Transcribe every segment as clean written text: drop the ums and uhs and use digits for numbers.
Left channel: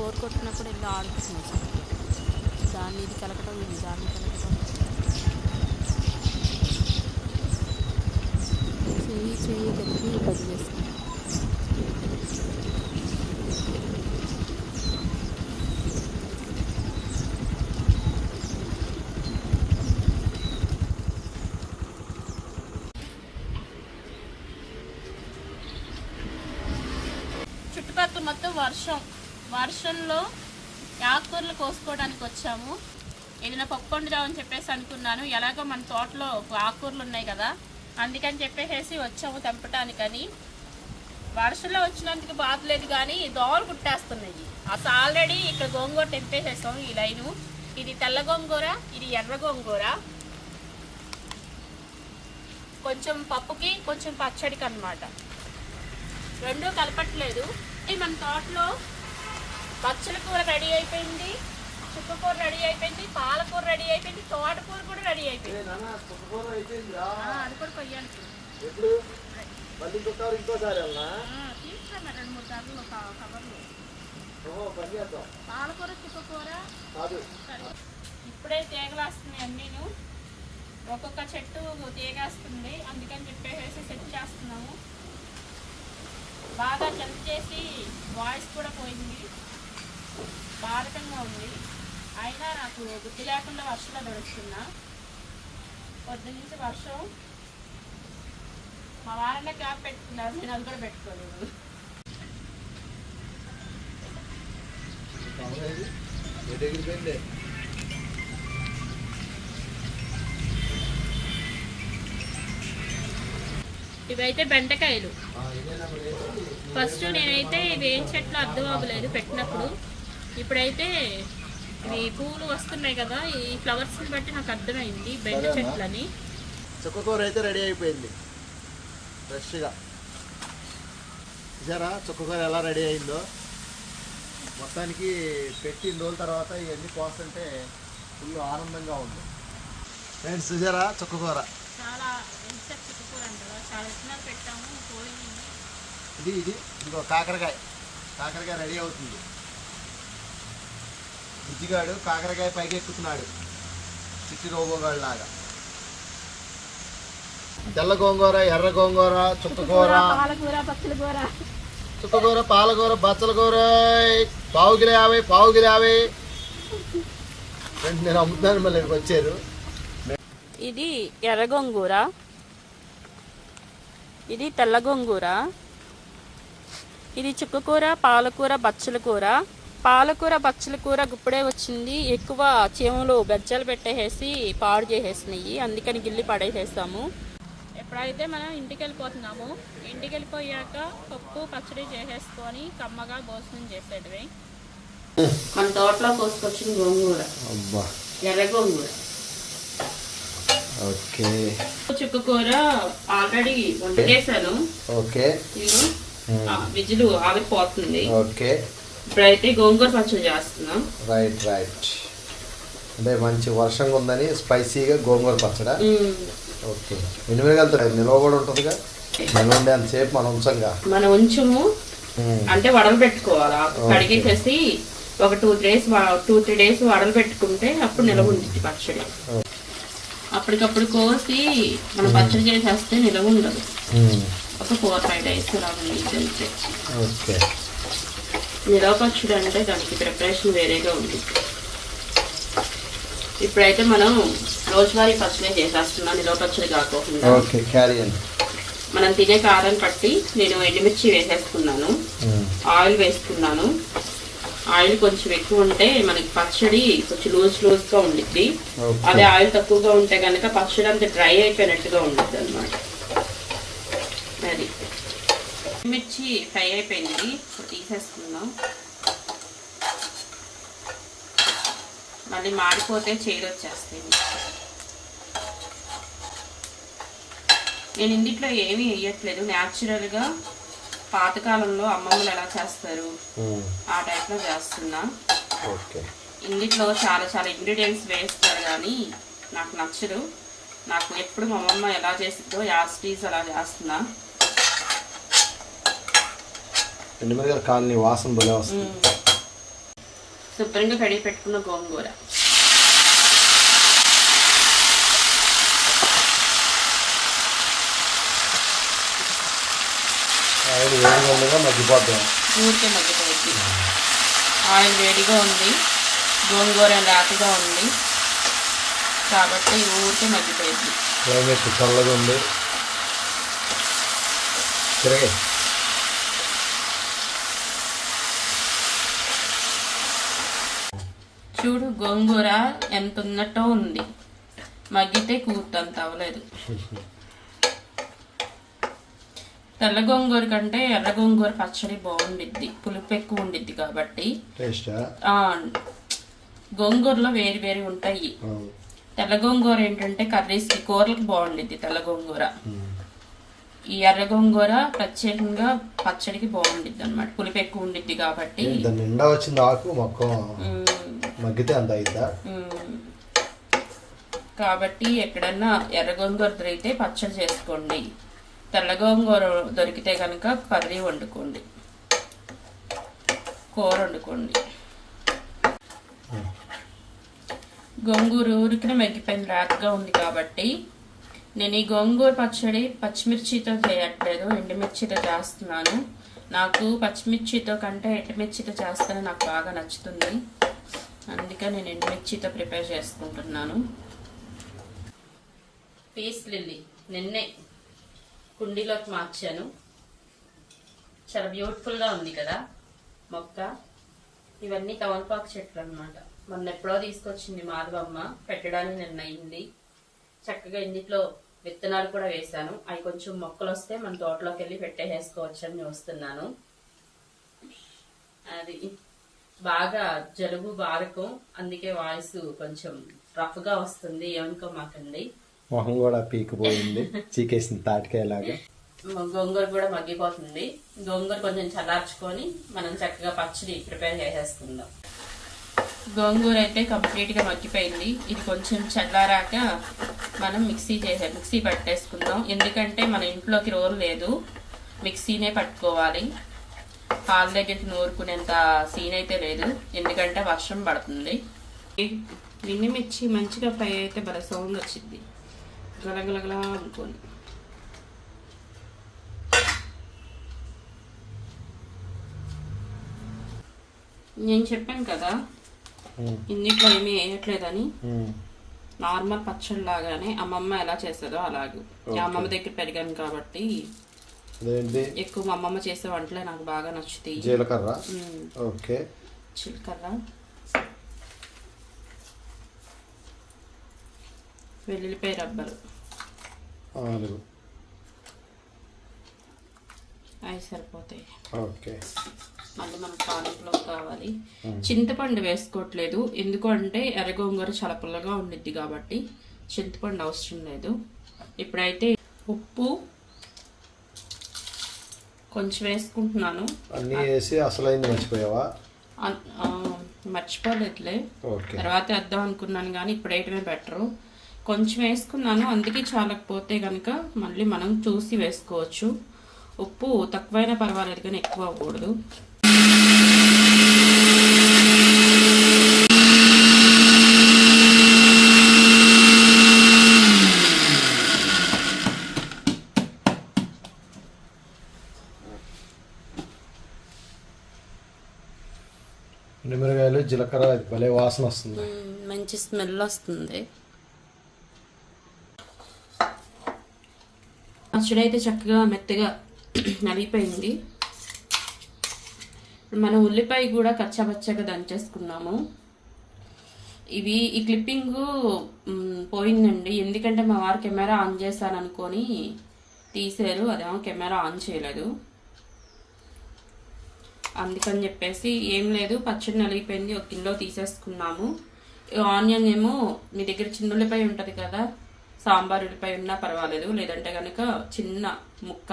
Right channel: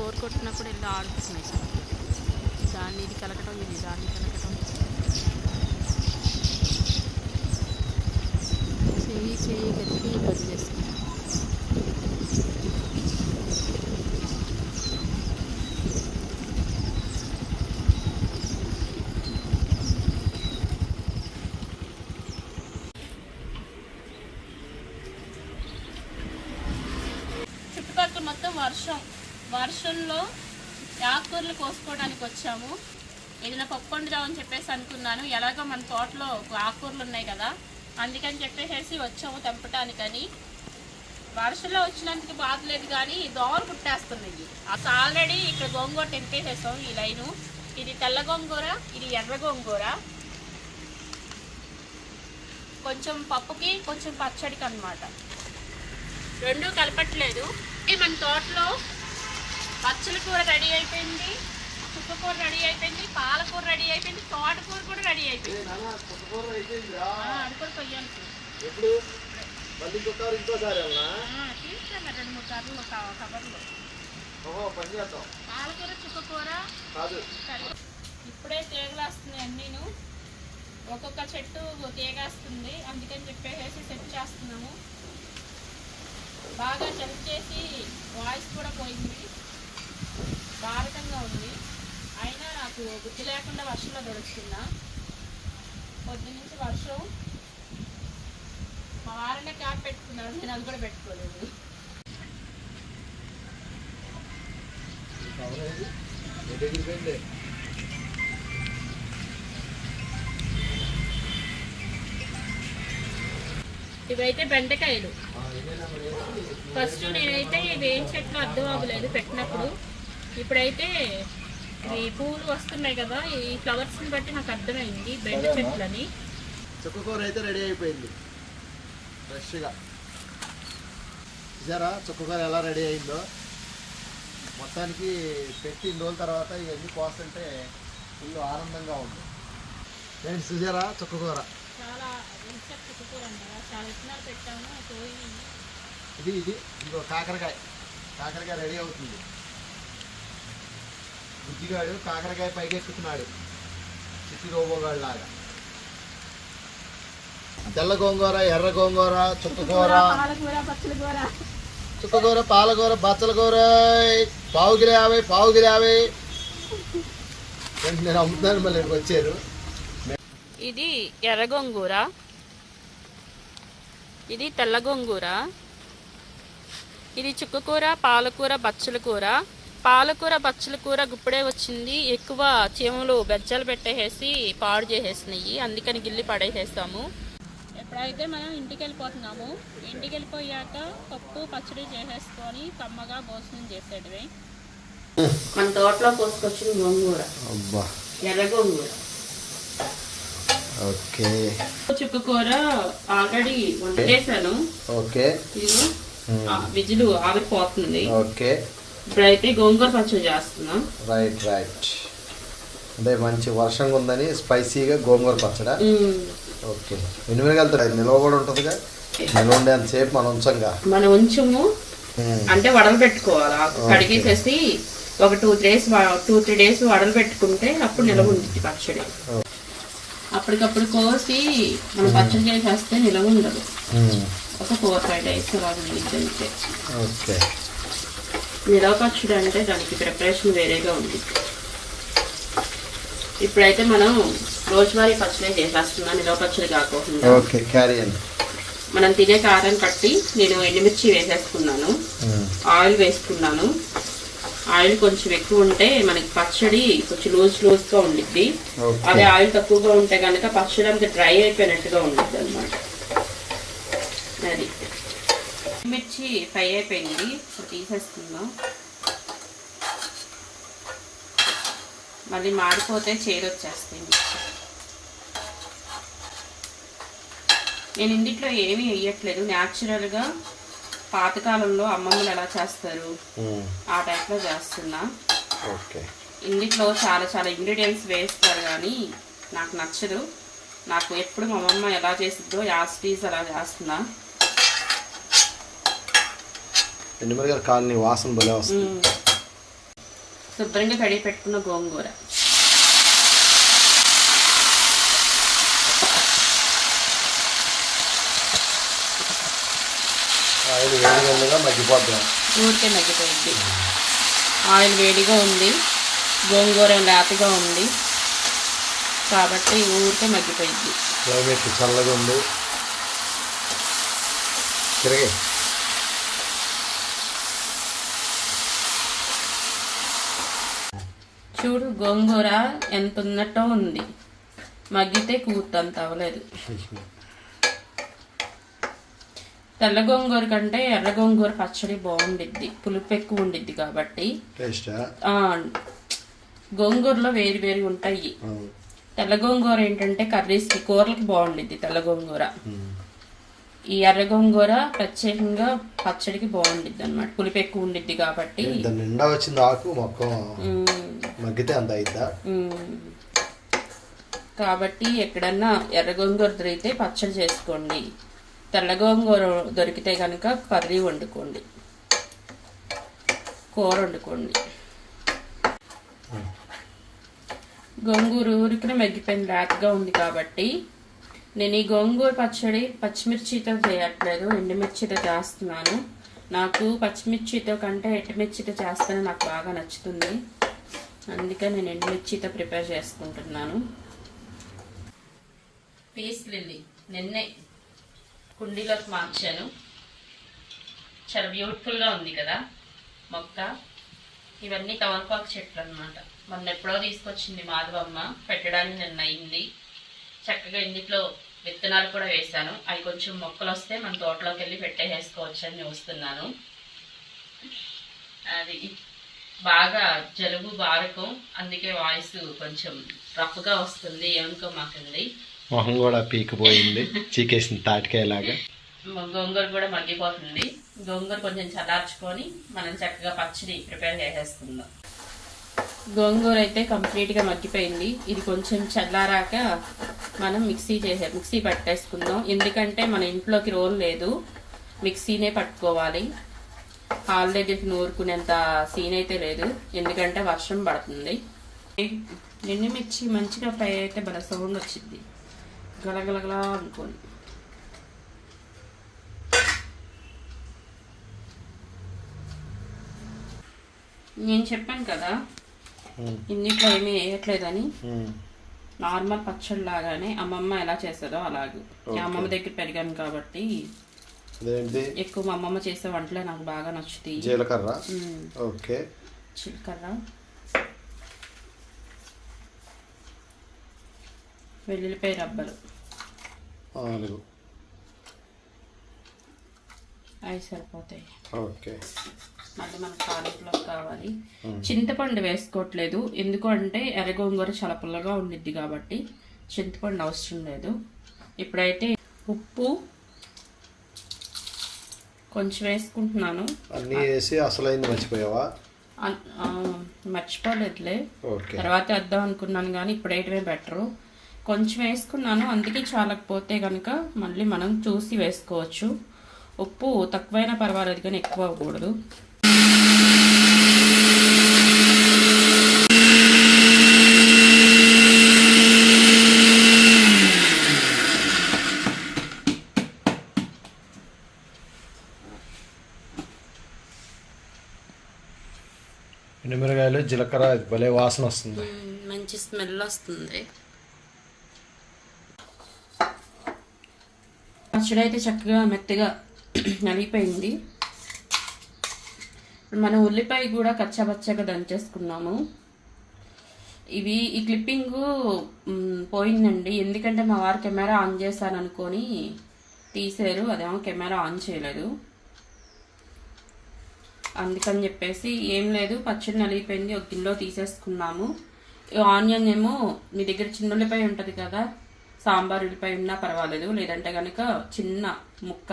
Bore కొట్టినప్పుడు వెళ్ళి ఆడుకుంటున్నాం. దాన్ని ఇది కలకటం, ఇది దాన్ని కలకటం, చెయ్యి కలిపి గది వేసుకుంటాం. చుట్టుపక్కల మొత్తం వర్షంలో ఆకుకూరలు కోసుకోవడానికి వచ్చాము. ఏదైనా పప్పు వండుదామని చెప్పేసి అనుకున్నాను. ఎలాగో మన తోటలో ఆకుకూరలు ఉన్నాయి కదా, అందుకని చెప్పేసి వచ్చాము తెంపటానికని. వర్షంలో వచ్చినందుకు బాధ లేదు, కానీ దోమలు కుట్టేస్తున్నాయి. అసలు ఆల్రెడీ ఇక్కడ గోంగూర తెంపేసేసాం. ఈ లైను, ఇది తెల్ల గోంగూర, ఇది ఎర్ర గోంగూర. కొంచెం పప్పుకి కొంచెం పచ్చడికి అన్నమాట, రెండూ కలపట్లేదు. మన తోటలో పచ్చల కూర రెడీ అయిపోయింది, చుక్కకూర రెడీ అయిపోయింది, పాలకూర రెడీ అయిపోయింది, తోటకూర కూడా రెడీ అయిపోయింది. అడుగురు కొయ్యానికి తీసుకున్నా 2-3 కర్రలు కవర్లు. పాలకూర చుక్కకూర ఇప్పుడే తీగలాస్తున్నాయి అన్నీను. ఒక్కొక్క చెట్టు తీగేస్తుంది, అందుకని చెప్పేసి సెట్ చేస్తున్నాము. బాగా జంప్ చేసి వాయిస్ కూడా పోయింది, భారతంగా ఉంది. అయినా నాకు బుద్ధి లేకుండా వర్షంలో దొరుకుతున్నా. పొద్దునుంచి వర్షం. మా వారనే క్యాప్ పెట్టుకున్నారు, నేను అది కూడా పెట్టుకోలేదు. ఇవైతే బెండకాయలు. ఫస్ట్ నేనైతే ఇవి ఏం చెట్లు అర్థం అవ్వలేదు పెట్టినప్పుడు. ఇప్పుడైతే ఈ పువ్వులు వస్తున్నాయి కదా, ఈ ఫ్లవర్స్ని బట్టి నాకు అర్థమైంది బెండ చెట్లని. చుక్కకూర అయితే రెడీ అయిపోయింది ఫ్రెష్గా. జరా చుక్కకూర ఎలా రెడీ అయిందో. మొత్తానికి పెట్టిన రోజుల తర్వాత ఇవన్నీ కోస్తుంటే ఫుల్ ఆనందంగా ఉంది ఫ్రెండ్స్. చూసారా చుక్కకూర చాలా చుక్కకూర అంటారా, చాలా ఉత్నాలు పెట్టాము. ఇది ఇంకో కాకరకాయ రెడీ అవుతుంది. బుజ్జిగాడు కాకరకాయ పైకి ఎక్కుతున్నాడు, చిట్టి రోబోగాడు లాగా. తెల్ల గోంగూర, ఎర్ర గోంగూర, చుక్కకూర, పాలకూర, బచ్చల కూర. పావుగిరి 50. నేను అమ్ముతాను, మళ్ళీ వచ్చారు. ఇది ఎర్ర గోంగూర, ఇది తెల్ల గోంగూర, ఇది చుక్కకూర, పాలకూర, బచ్చల కూర. పాలకూర బచ్చల కూర గుప్పుడే వచ్చింది. ఎక్కువ చీమలు బెజ్జలు పెట్టేసి పాడు చేసేసినాయి, అందుకని గిల్లి పడేసేస్తాము. ఎప్పుడైతే మనం ఇంటికి వెళ్ళిపోతున్నాము, ఇంటికి వెళ్ళిపోయాక పప్పు పచ్చడి చేసేసుకొని కమ్మగా భోజనం చేసేటివి. మన తోటలో కోసుకొచ్చిన గోంగూర, ఎర్ర గోంగూర. ఓకే, చుక్కకూర ఆల్రెడీ వండేసాను. ఓకే, విజిల్ ఆవిరిపోతుంది. ఓకే, ఇప్పుడైతే గోంగూర పచ్చడి చేస్తున్నాం. రైట్. అంటే మంచి వర్షంగా ఉందని స్పైసీగా గోంగూర పచ్చడా. ఓకే, ఎన్ని వెళ్తారు? నిల్వ కూడా ఉంటుందిగా, నిల్వ ఉండే అంతసేపు మనం ఉంచము. అంటే వడలు పెట్టుకోవాలి, కడిగేసేసి ఒక 2-3 డేస్ వడలు పెట్టుకుంటే అప్పుడు నిల్వ ఉంటుంది పచ్చడి. అప్పటికప్పుడు కోసి మనం పచ్చడి చేసేస్తే నిల్వ ఉండదు. ఒక 4-5 డేస్ అంతే. ఓకే, నిల్వ పచ్చడి అంటే దానికి ప్రిపరేషన్ వేరేగా ఉంది. ఇప్పుడైతే మనం రోజువారీ పచ్చడి చేసేస్తున్నాం, నిల్వ పచ్చడి కాకుండా. ఓకే, క్యారియన్. మనం తినే కారం కట్టి నేను ఎండుమిర్చి వేసేసుకున్నాను, ఆయిల్ వేసుకున్నాను. ఆయిల్ కొంచెం ఎక్కువ ఉంటే మనకి పచ్చడి కొంచెం లూజ్గా ఉండిద్ది. అదే ఆయిల్ తక్కువగా ఉంటే కనుక పచ్చడి అంతా డ్రై అయిపోయినట్టుగా ఉండిద్ది అనమాట. అది మిర్చి ఫ్రై అయిపోయింది, తీసేసుకుందాం. మళ్ళీ మాడిపోతే చేదు వచ్చేస్తాయి. నేను ఇందులో ఏమీ వేయట్లేదు, న్యాచురల్గా పాతకాలంలో అమ్మమ్మలు ఎలా చేస్తారు ఆ టైప్లో చేస్తున్నా. ఇందులో చాలా ఇంగ్రీడియంట్స్ వేస్తారు, కానీ నాకు నచ్చదు. నాకు ఎప్పుడు మా అమ్మమ్మ ఎలా చేసిద్దో యాస్టీస్ అలా చేస్తున్నా. ఎండుమిరగాయల కాలనీ వాసన భలే వస్తుంది. శుభ్రంగా కడిగి పెట్టుకున్న గోంగూర, ఆయిల్ వేడిగా మగ్గిపోద్దాం. ఊరికే మగ్గిపోయింది. ఆయిల్ వేడిగా ఉంది, గోంగూర లేతగా ఉంది కాబట్టి ఊరికే మగ్గిపోయింది. క్లైమేట్ చల్లగా ఉంది. తిరగే చూడు గోంగూర ఎంత ఉన్నట్టో ఉంది, మగ్గితే కూర్తంత అవ్వలేదు. తెల్ల గోంగూర కంటే ఎర్ర గోంగూర పచ్చడి బాగుండిద్ది, పులుపు ఎక్కువ ఉండిద్ది కాబట్టి. గోంగూరలో వేరు వేరు ఉంటాయి. తెల్ల గోంగూర ఏంటంటే కర్రీస్కి, కూరలకు బాగుండిద్ది తెల్ల గోంగూర. ఈ ఎర్ర గోంగూర ప్రత్యేకంగా పచ్చడికి బాగుండిద్ది అన్నమాట, పులుపు ఎక్కువ ఉండిద్ది కాబట్టి. నిండా వచ్చింది ఆకు మొత్తం మగ్గితే అంత అయిద్దా. కాబట్టి ఎక్కడన్నా ఎర్ర గోంగూర దొరికితే పచ్చడి చేసుకోండి, తెల్ల గోంగూర దొరికితే కనుక కర్రీ వండుకోండి, కూర వండుకోండి. గోంగూర ఊరికనే మగ్గిపోయింది, రాతగా ఉంది కాబట్టి నేను ఈ గోంగూర పచ్చడి పచ్చిమిర్చితో చేయట్లేదు, ఎండుమిర్చితో చేస్తున్నాను. నాకు పచ్చిమిర్చితో కంటే ఎండుమిర్చితో చేస్తేనే నాకు బాగా నచ్చుతుంది, అందుకే నేను ఎండుమిర్చితో ప్రిపేర్ చేసుకుంటున్నాను. పీస్ లిల్లీ నిన్నే కుండీలోకి మార్చాను, చాలా బ్యూటిఫుల్గా ఉంది కదా మొక్క. ఇవన్నీ తమలపాకు చెట్లు అనమాట, మొన్న ఎప్పుడో తీసుకొచ్చింది మాధవమ్మ, పెట్టడానికి నిన్న అయింది. చక్కగా ఇందులో విత్తనాలు కూడా వేశాను, అవి కొంచెం మొక్కలు వస్తే మన తోటలోకి వెళ్ళి పెట్టేసుకోవచ్చు అని చూస్తున్నాను. అది బాగా జలుబు బారకం, అందుకే వాయిస్ కొంచెం రఫ్గా వస్తుంది, ఏమనుకోమాకండి. మొహం కూడా పీకిపోయింది, చీకేసింది తాటికాయలాగా. గోంగూర కూడా మగ్గిపోతుంది, గోంగూర కొంచెం చల్లార్చుకొని మనం చక్కగా పచ్చడి ప్రిపేర్ చేసేసుకుందాం. గోంగూర అయితే కంప్లీట్గా మగ్గిపోయింది, ఇది కొంచెం చల్లారాక మనం మిక్సీ పట్టేసుకుందాం. ఎందుకంటే మన ఇంట్లోకి రోల్ లేదు, మిక్సీనే పట్టుకోవాలి. హాల్ దగ్గరికి నూరుకునేంత సీన్ అయితే లేదు, ఎందుకంటే వర్షం పడుతుంది. ఎండుమిర్చి మంచిగా ఫ్రై అయితే బాగా సౌండ్ వచ్చింది, గలగలగలా అనుకోండి. నేను చెప్పాను కదా ఇన్నిట్లో ఏమీ వేయట్లేదని, నార్మల్ పచ్చడి లాగానే అమ్మమ్మ ఎలా చేస్తుందో అలాగే. అమ్మమ్మ దగ్గర పెరిగాను కాబట్టి ఎక్కువ మా అమ్మమ్మ చేసే వంటలే నాకు బాగా నచ్చుతాయి. జీలకర్ర, వెల్లుల్లిపాయ రబ్బలు అవి సరిపోతాయి. మళ్ళీ మనకు తాలింపులో కావాలి. చింతపండు వేసుకోవట్లేదు, ఎందుకంటే ఎర్ర గోంగూర చాలా పుల్లగా ఉండిద్ది కాబట్టి చింతపండు అవసరం లేదు. ఇప్పుడైతే ఉప్పు కొంచెం వేసుకుంటున్నాను. అన్నీ వేసి అసలైంది మర్చిపోయావా? మర్చిపోలేదులే, తర్వాత వేద్దాం అనుకున్నాను కానీ ఇప్పుడు వేయటమే బెటరు. కొంచెం వేసుకున్నాను, అందుకే చాలకపోతే కనుక మళ్ళీ మనం చూసి వేసుకోవచ్చు. ఉప్పు తక్కువైనా పర్వాలేదు కానీ ఎక్కువ అవ్వకూడదు. ఎండుమిరగాయలు, జీలకర్ర, భలే వాసన వస్తుంది, మంచి స్మెల్ వస్తుంది. పచ్చడి అయితే చక్కగా మెత్తగా నలిగిపోయింది. మన ఉల్లిపాయ కూడా కచ్చాపచ్చగా దంచేసుకున్నాము. ఈ క్లిప్పింగ్ పోయిందండి, ఎందుకంటే మా వారు కెమెరా ఆన్ చేశాను అనుకొని తీసారు, అదేమో కెమెరా ఆన్ చేయలేదు. అందుకని చెప్పేసి ఏం లేదు, పచ్చడి నలిగిపోయింది, ఒక గిన్నెలో తీసేసుకున్నాము. ఆనియన్ ఏమో మీ దగ్గర చిన్న ఉల్లిపాయ ఉంటుంది కదా, సాంబార్ ఉల్లిపాయ ఉన్నా పర్వాలేదు, లేదంటే కనుక చిన్న ముక్క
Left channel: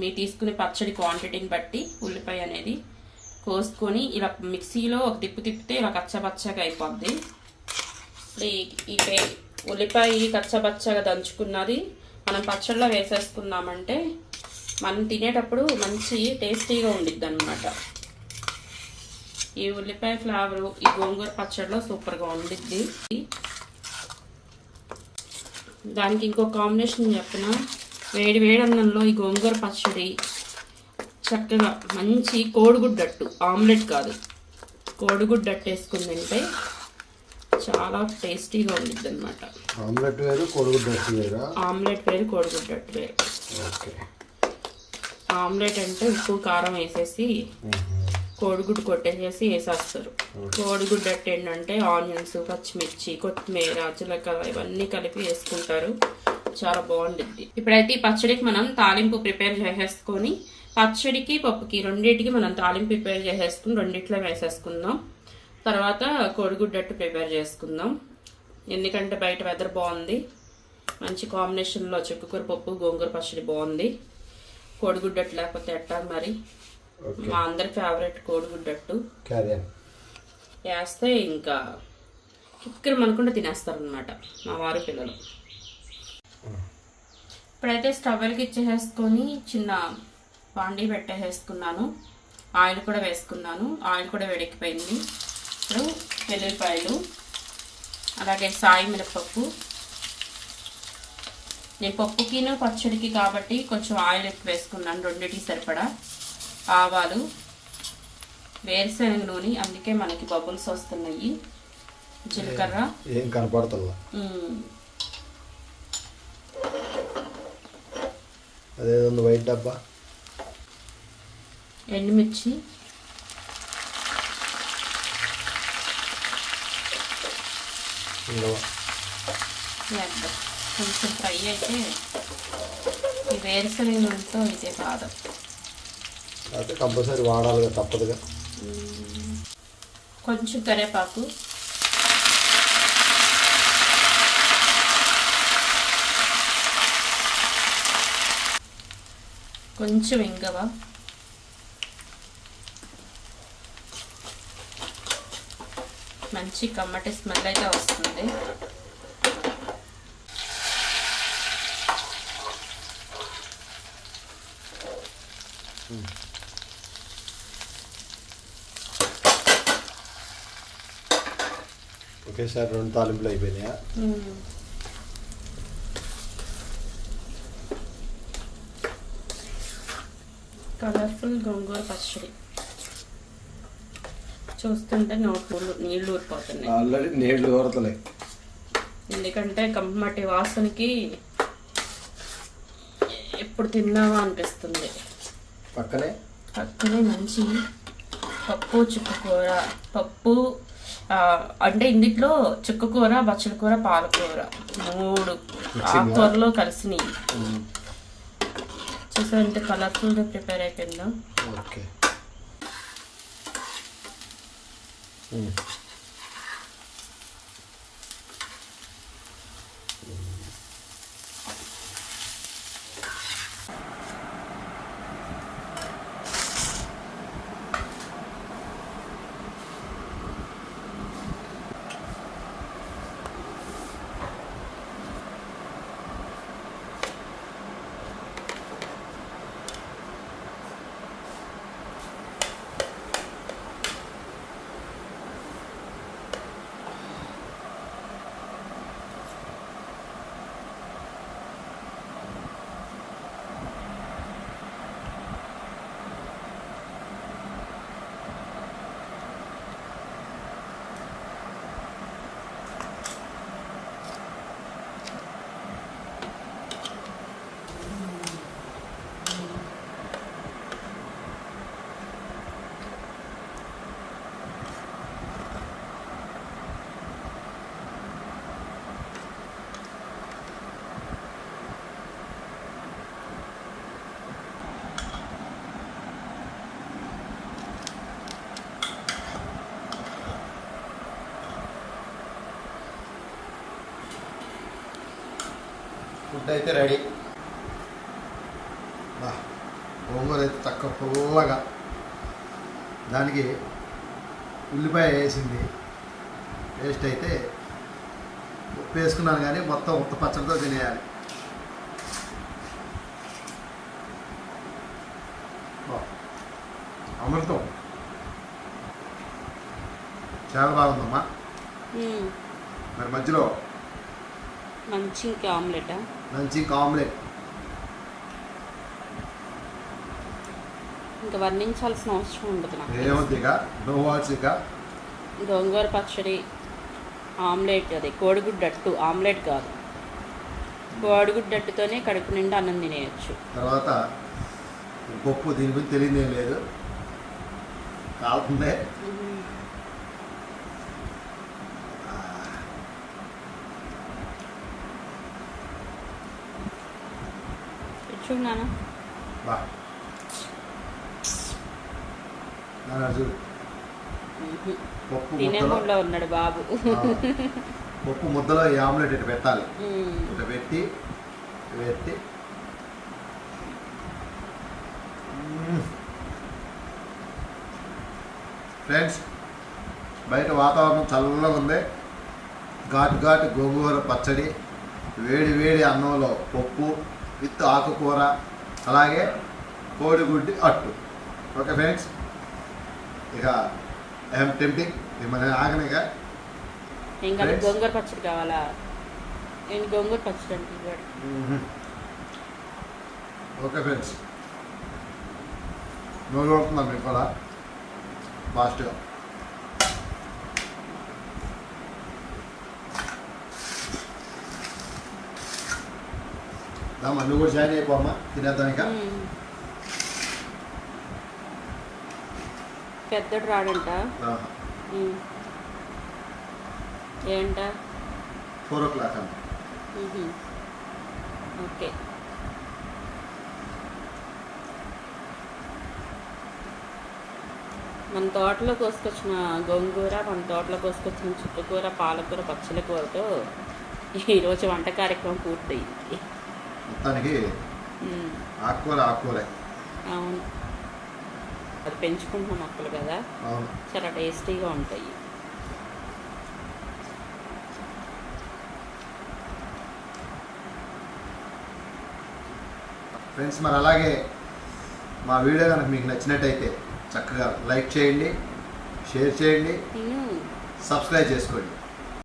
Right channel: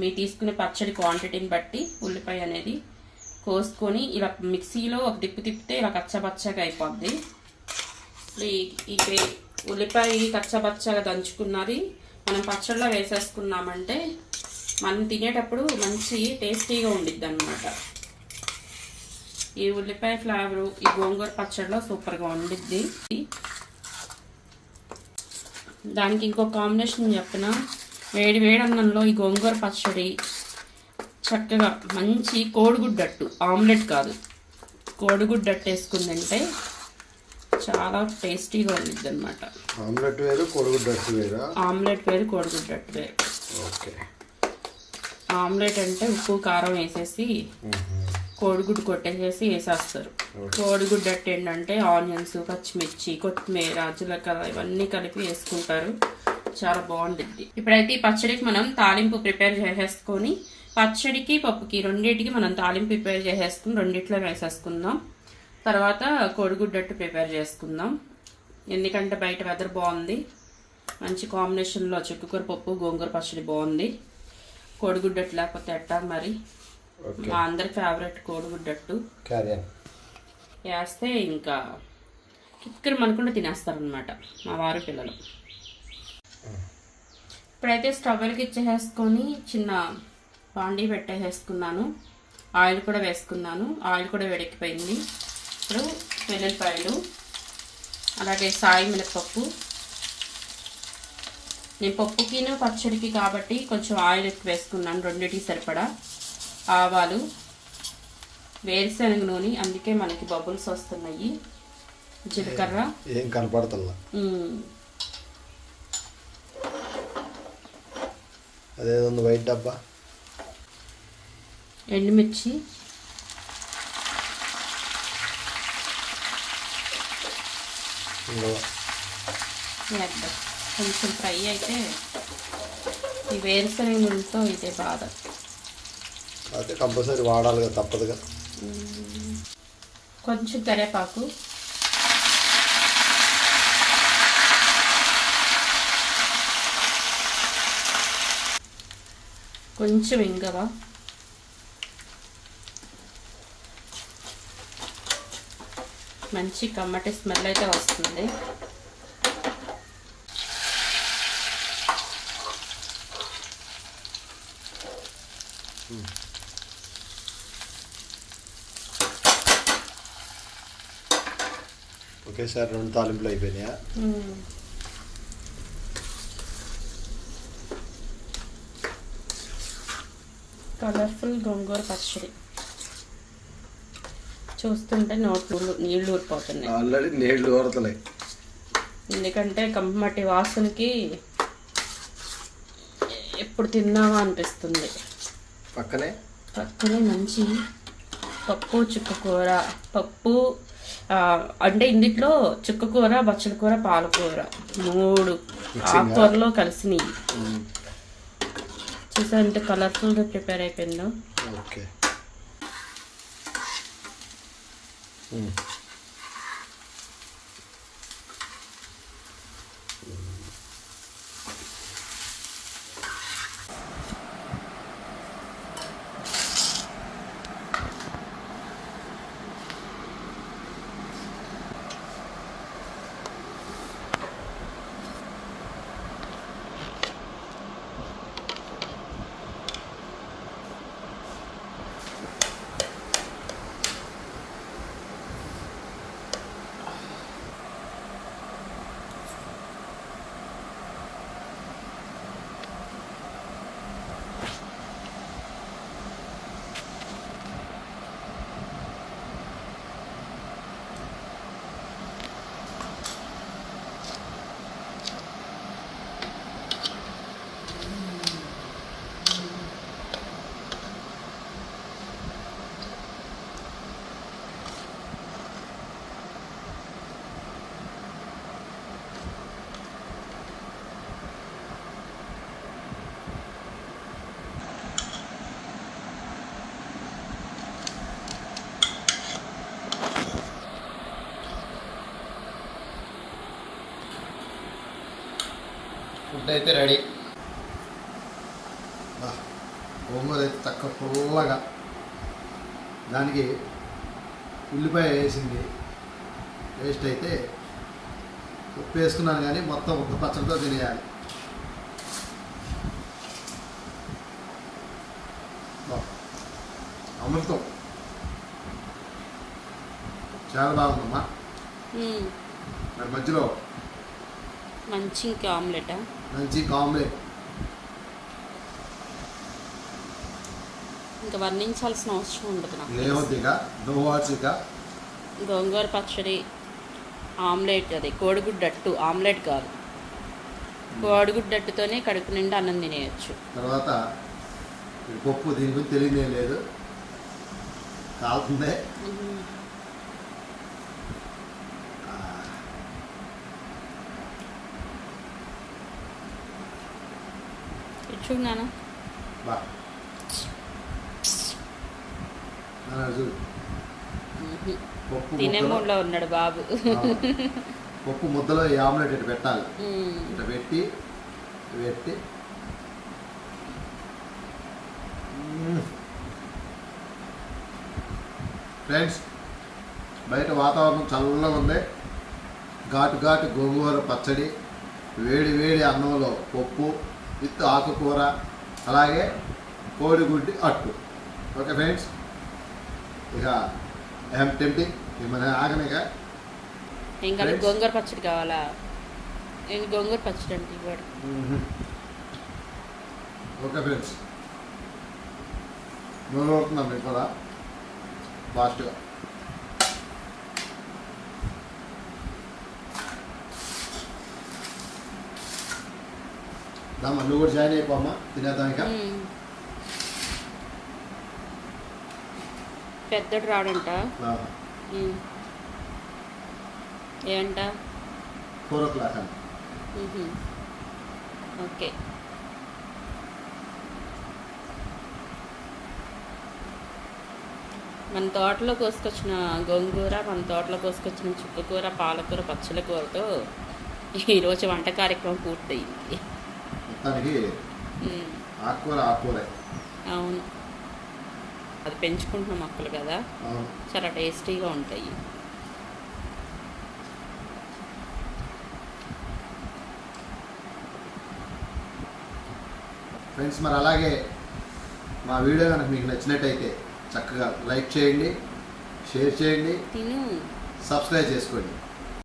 మీ తీసుకునే పచ్చడి క్వాంటిటీని బట్టి ఉల్లిపాయ అనేది కోసుకొని ఇలా మిక్సీలో ఒక తిప్పితే ఇలా కచ్చపచ్చగా అయిపోద్ది. ఈ ఉల్లిపాయ కచ్చపచ్చగా దంచుకున్నది మనం పచ్చడిలో వేసేసుకున్నామంటే మనం తినేటప్పుడు మంచి టేస్టీగా ఉండిద్ది అన్నమాట. ఈ ఉల్లిపాయ ఫ్లేవరు ఈ గోంగూర పచ్చడిలో సూపర్గా వండిద్ది. దానికి ఇంకో కాంబినేషన్ చెప్పిన వేడి వేడి అన్నంలో ఈ గోంగూర పచ్చడి చక్కగా మంచి కోడిగుడ్డట్టు, ఆమ్లెట్ కాదు కోడిగుడ్డట్టు వేసుకుని తింటే చాలా టేస్టీగా ఉండిద్ది అనమాట. ఆమ్లెట్ వేరు కోడిగుడ్డట్టు వేరు. ఆమ్లెట్ వేరు కోడిగుడ్డట్టు వేరు. ఓకే. ఆమ్లెట్ అంటే ఉప్పు కారం వేసేసి కోడిగుడ్డు కొట్టేసేసి వేసేస్తారు. కోడిగుడ్డట్టు ఏంటంటే ఆనియన్స్, పచ్చిమిర్చి, కొత్తిమీర, జీలకర్ర ఇవన్నీ కలిపి వేసుకుంటారు. చాలా బాగుంటుంది. ఇప్పుడైతే ఈ పచ్చడికి మనం తాలింపు ప్రిపేర్ చేసేసుకొని పచ్చడికి పప్పుకి రెండింటికి మనం తాలింపు ప్రిపేర్ చేసేసుకుని రెండిట్లో వేసేసుకుందాం. తర్వాత కోడిగుడ్డట్టు ప్రిపేర్ చేసుకుందాం. ఎందుకంటే బయట వెదర్ బాగుంది, మంచి కాంబినేషన్లో చుక్కకూర పప్పు గోంగూర పచ్చడి బాగుంది. కోడిగుడ్డట్టు లేకపోతే ఎట్టా మరి. మా అందరి ఫేవరెట్ కోడిగుడ్డట్టు వేస్తే ఇంకా కిక్కలు మనకుండా తినేస్తారనమాట మా వారి పిల్లలు. ఇప్పుడైతే స్టవ్ వెలిగించేసుకొని చిన్న బాండీ పెట్టేసుకున్నాను. ఆయిల్ కూడా వేసుకున్నాను. ఆయిల్ కూడా వేడెక్కిపోయింది. ఇప్పుడు వెల్లుల్లిపాయలు, అలాగే సాయి మినపప్పు. నేను పప్పుకిను పచ్చడికి కాబట్టి కొంచెం ఆయిల్ ఎక్కువ వేసుకున్నాను, రెండింటికి సరిపడా. ఆవాలు, వేరుశనగ నూనె, అందుకే మనకి బబుల్స్ వస్తున్నాయి. జీలకర్ర ఏం కనపడుతుందా, అదేదో వైట్ డబ్బా. ఎండుమిర్చి, కొంచెం ఫ్రై అయితే ఈ వేరుశనగ నూనెతో ఇదే బాధ. అయితే కంపల్సరీ వాడాలిగా, తప్పదుగా. కొంచెం కరివేపాకు, కొంచెం ఇంగవ, మంచి కమ్మటి స్మెల్ అయితే వస్తుంది. ఒకేసారి 2 తాలింపులు అయిపోయినాయా? కలర్ఫుల్ గోంగూర పచ్చడి చూస్తుంటే నోట్లు నీళ్లు ఊరిపోతున్నాయి. ఆల్రెడీ నీళ్లు ఊరుతున్నాయి. ఎందుకంటే కమ్మటి వాసనకి ఎప్పుడు తిన్నావా అనిపిస్తుంది. పక్కనే మంచి పప్పు, చుక్కకూర. పప్పు అంటే ఇందులో చుక్కకూర, బచ్చల కూర, పాలకూర 3 ఆకుకూరలో కలిసినవి. చూసా అంటే కలర్ఫుల్గా ప్రిపేర్ అయిపోయిందో. ఓకే. ఫుడ్ అయితే రెడీ. గోంగూర అయితే తక్కువ పుల్లగా, దానికి ఉల్లిపాయ వేసింది. టేస్ట్ అయితే ఉప్పు వేసుకున్నాను కానీ మొత్తం ఉప్పు పచ్చడితో తినేయాలి. అమృతం. చాలా బాగుందమ్మా. మరి మధ్యలో మంచి ఇంకా ఆమ్లెటా? మంచి ఆమ్లెట్. ఇంకా వర్ణించాల్సిన అవసరం ఉండదు నాకు. ఏముంది ఇక నో వాట్స్ ఇక. గోంగూర పచ్చడి, ఆమ్లెట్, అదే కోడిగుడ్డట్టు, ఆమ్లెట్ కాదు, కోడిగుడ్డట్టుతోనే కడుపు నిండా అన్నం తినేయచ్చు. తర్వాత పప్పు దీని గురించి తెలియదే లేదు, కాలుతుందే. చూడు బా చూడు పప్పు తినే ముద్దలో, మూడ్లో ఉన్నాడు బాబు. పప్పు ముద్దలో ఈ ఆమ్లెట్ ఇటు పెట్టాలి. ఇటు పెట్టి పెట్టి ఫ్రెండ్స్, బయట వాతావరణం చల్లగా ఉంది. ఘాటు ఘాటు గోంగూర పచ్చడి, వేడి వేడి అన్నంలో పప్పు విత్ ఆకుకూర, అలాగే కోడిగుడ్డి అట్టు. ఓకే ఫ్రెండ్స్, ఇక ఐఎమ్ టెంప్టింగ్ మిమ్మల్ని ఆగనిగా. ఇంకా గోంగూర పచ్చడి కావాలా? నేను గోంగూర పచ్చడి అంటే ఇవ్వడు. ఓకే ఫ్రెండ్స్, నూనె అవుతున్నాను మీకు కూడా ఫాస్ట్గా. దామా నువ్వు కూడా జాయిన్ అయిపోమ్మా, తినేద్దాం ఇక. పెద్దడు రాడంట. ఏంట? 4 o'clock అంట. ఓకే. మన తోటలో కోసుకొచ్చిన గోంగూర, మన తోటలో కోసుకొచ్చిన చుక్కకూర, పాలకూర, పచ్చల కూరతో ఈరోజు వంట కార్యక్రమం పూర్తయింది. మొత్తానికి ఆకుకూర. అవును, అది పెంచుకుంటున్న మొక్కలు కదా, చాలా టేస్టీగా ఉంటాయి. ఫ్రెండ్స్, మరి అలాగే మా వీడియో కనుక మీకు నచ్చినట్టయితే చక్కగా లైక్ చేయండి, షేర్ చేయండి, సబ్స్క్రైబ్ చేసుకోండి.